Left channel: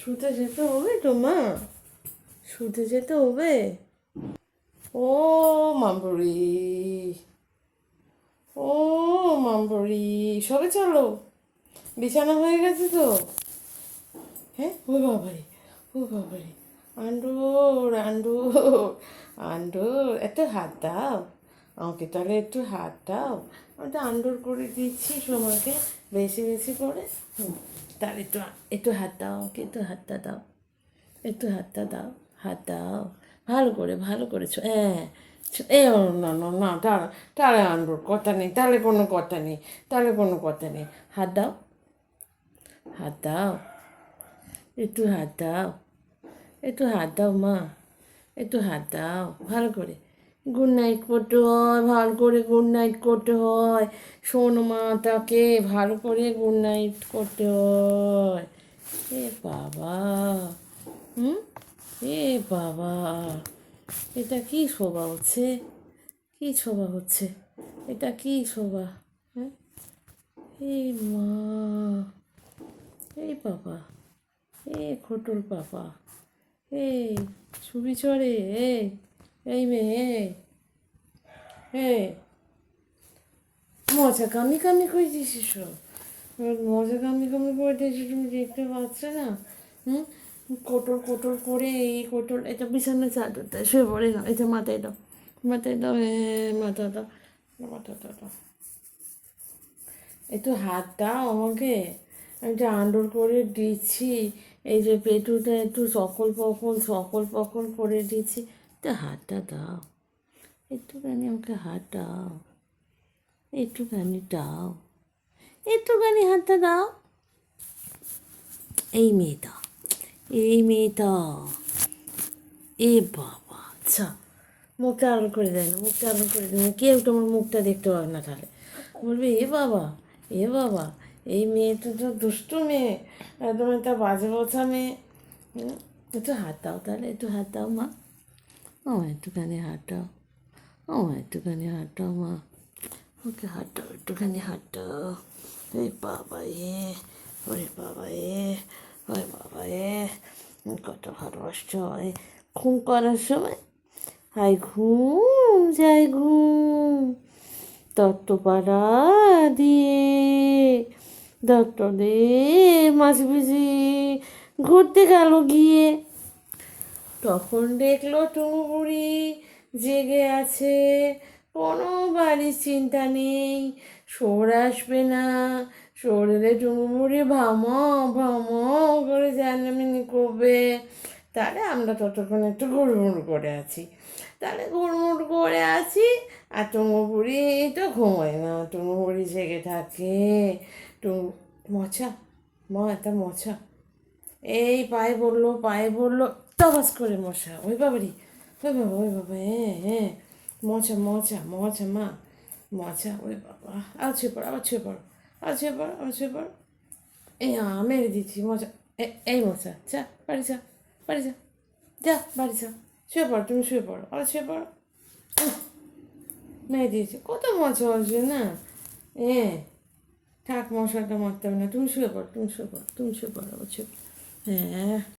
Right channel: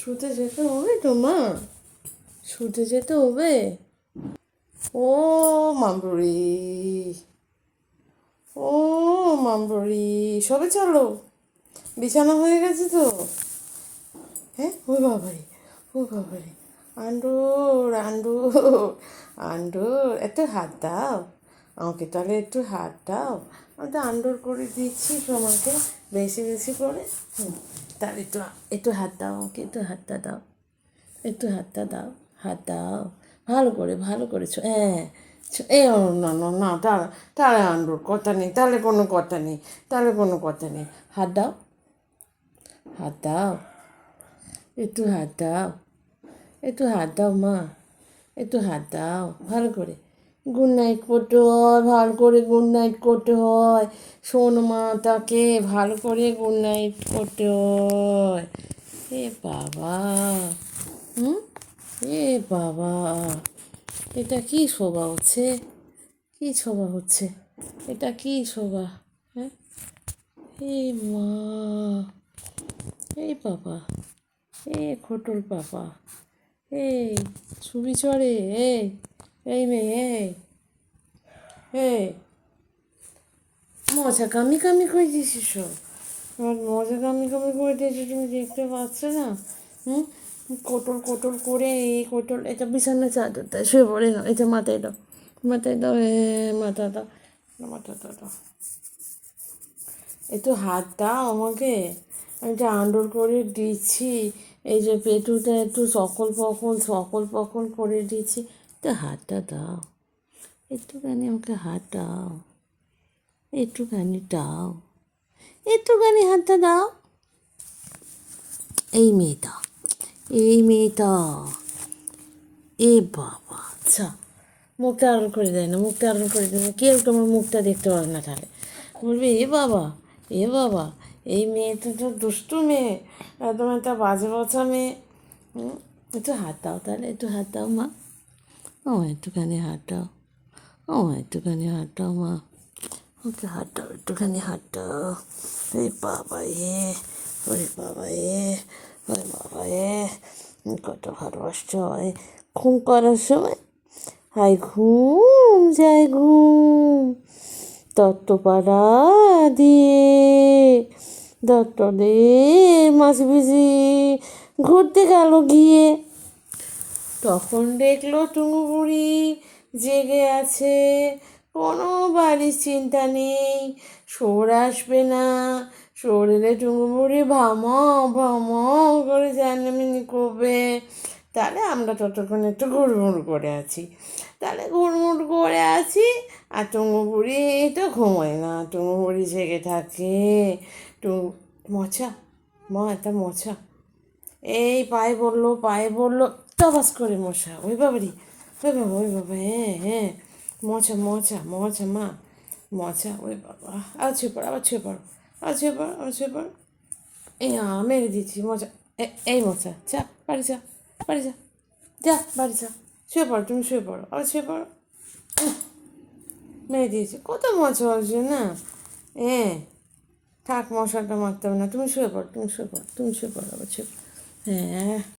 শুতে যেতে হবে তো মা, শুতে যেতে হবে। ও মামবুড়ি, ও মামবুড়ি, সবে চলো, বিছানা হয়ে গেছে তো? হ্যাঁ, ও বাবারে, ও বাবারে, আন্ডুর আন্ডুর আন্ডুর, একটু হাত দাও আমাকে, তাহলে একটু হাত দাও। আমি তো আন্ডুর করে দিচ্ছি সময়কে বেশি বেশি করে। তাহলে একটু একটু হাত দাও আমাকে, একটু হাতটা দাও, একটু হাতটা দাও, হাত দাও, ভালো করেছো, হ্যাঁ। এ ও না না না, তাহলে তাহলে আন্ডুর কথা নেই, তাহলে কোনো কথা নেই, তাহলে কোনো কথা নেই। হাত দাও, হাত দাও, একটু হাত দাও, একটু হাত দাও মা, একটু হাত দাও ভালো করে। গুড নাইট করতে হয়, ভালো করে গুড নাইট করতে হয়। শোন মা, তাকে ভালো করে গুড নাইট করতে হয়। এ বাবা, হুম, এ বাবা, এটা কি শোভা হচ্ছে, কি শোভা হচ্ছে, এটা কি শোভা? হ্যাঁ, এ মা, এই বাবা, এ খোটর বাবা, এই ছবি চড়ে, এই মেয়ে, এই মজা কামি কামি করে দিয়েছিস সব, আমার মজা কামি কামি করে দিয়েছি, তুমি দেখতে পাচ্ছ না? হুম, কোটর কোটর করে, এই কোটর, এটা বিছানা চাদরটা শুয়ে পড়ে না, এটা মাথায় দাও, মাথায় দাও, মাথা দাও, মাথাটা দাও, একটু হাত দাও আমাকে, আমি যে আন্ডোর করে দিচ্ছি, এই যে পেটুটা একটু সকল পকল করে দিচ্ছি, একটু হাতটা দাও, একটুখানি আমাকে হাত দাও, একটুখানি দাও, একটুখানি হাতটা দাও। এই মেয়েটা, এই মেয়েটা, এ বাবা, আচ্ছা, মুখটা আড়াল করে দেয় না, মুখটা আড়াল করে দেয় না, কেউ তোমার মুখটা দেখতে পারে না, তাহলে বলবে এ বাবা, এ বাবা, এই মেয়েটা তো দুষ্টু মেয়ে, একদম একটা বাজে বছা মেয়ে। একটু হাত দাও, তাহলে একটু হাত দাও মা, ও একটুখানি হাত দাও, ও একটুখানি হাত দাও মা, একটু হাত দাও, একটুখানি হাত দাও। ওরে বাবা এ, ওরে বাবা এ, ওরে বাবা এ, কত ভালোবাসতে হয় ঘুম করার সময়। হাই ঘুম যায় ঘুম, তত্ত্বপাড়া দিয়ে দত্তদে মাছ বুঝি ঘুরতে গেল গিয়ে, তখন দেখলো টুঙু বুড়ি জেগে আছে, কোনো বাড়ির চিন্তা নেই, শোর আসবে না, শোর এলে টুঙু বুড়ি ভামাও করে জানমিনি করবে। তাহলে আমরা ততক্ষণ একটু ঘুরমুড় করে আছি, তাহলে ঘুরমুড় করে আছি, আর টুঙু বুড়ি তো ঘুমোয় না, টুঙু বুড়ি জেগে থাকে। টুঙু, মশা, একটা মশা, এই পায়ে বললো, টবাস করে মশা, ওই বাবারি, ওই বাবা, ওই বাবা, হ্যাঁ হ্যাঁ, মশা মা, মশা, ওই বাবা, আর ছুঁয়ে পড়ো, আবার ছুঁয়ে পড়ো, আবার ছুঁয়ে পড়ো, আবার ছুঁয়ে পড়ো, এই মেরে দিচ্ছি মশা, এই মশা, যা বাড়ি যা, বাড়ি যা, যা বাড়ি যা, শুয়ে পড়ো, তুমি শুয়ে পড়ো, আবার শুয়ে পড়ো, মেরে দিয়েছি, কত মশা হচ্ছে না, হ্যাঁ, থাক, মশাটা মারতে হবে না, তুমি শুয়ে পড়ো, তুমি শুয়ে পড়ো, তুমি শুয়ে পড়ো, আবার শুয়ে পড়ো, হ্যাঁ।